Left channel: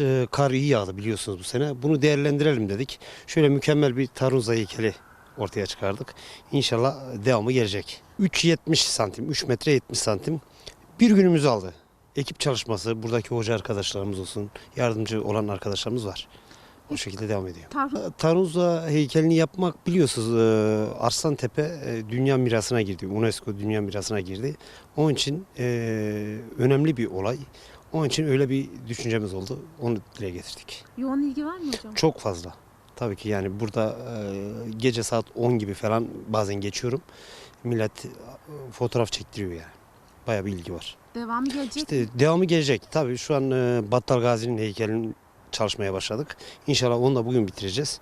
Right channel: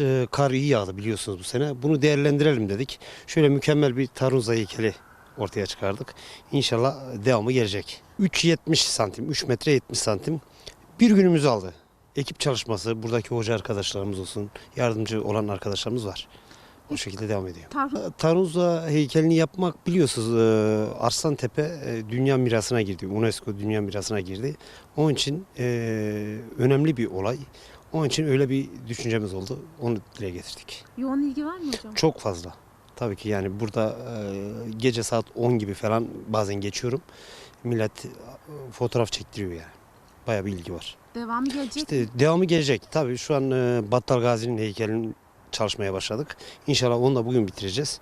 Ee, Kar iyi yağdı biliyorsunuz bu sene. Bunu değerlendirelim dedik. Şöyle mükemmel bir Tarunza heykeli ortaya çıkardık. İnşallah devamı gelecek. 3.70 santim, 3 metre 70 santim. Bir günümüzü aldı. Ekip çalışması, buradaki hoca arkadaşlarımız olsun, yardımcı olan arkadaşlarımız var. O şekilde devam ediyor. Tarhun Tarunza heykelini yapmak biliyorsunuz e, Arslantepe e, dünya mirasına girdi. UNESCO dünya mirasına girdi. Onun için e, önemli bir olay. Onun için öyle bir düşüncemiz oldu. Onu dile getirdik. yoğun ilgi var mı hocam? Çok fazla. Tabii ki yani burada e, gece saat 10 gibi falan bazen geçiyorum. Millet e, fotoğraf çektiriyor yani. Bayağı bir ilgi var. Devamı gelecek. İşte devamı gelecek. Tabii şu an e, Battal Gazi'nin heykelini çalışmaya başladık. İnşallah onu da bugün bitireceğiz.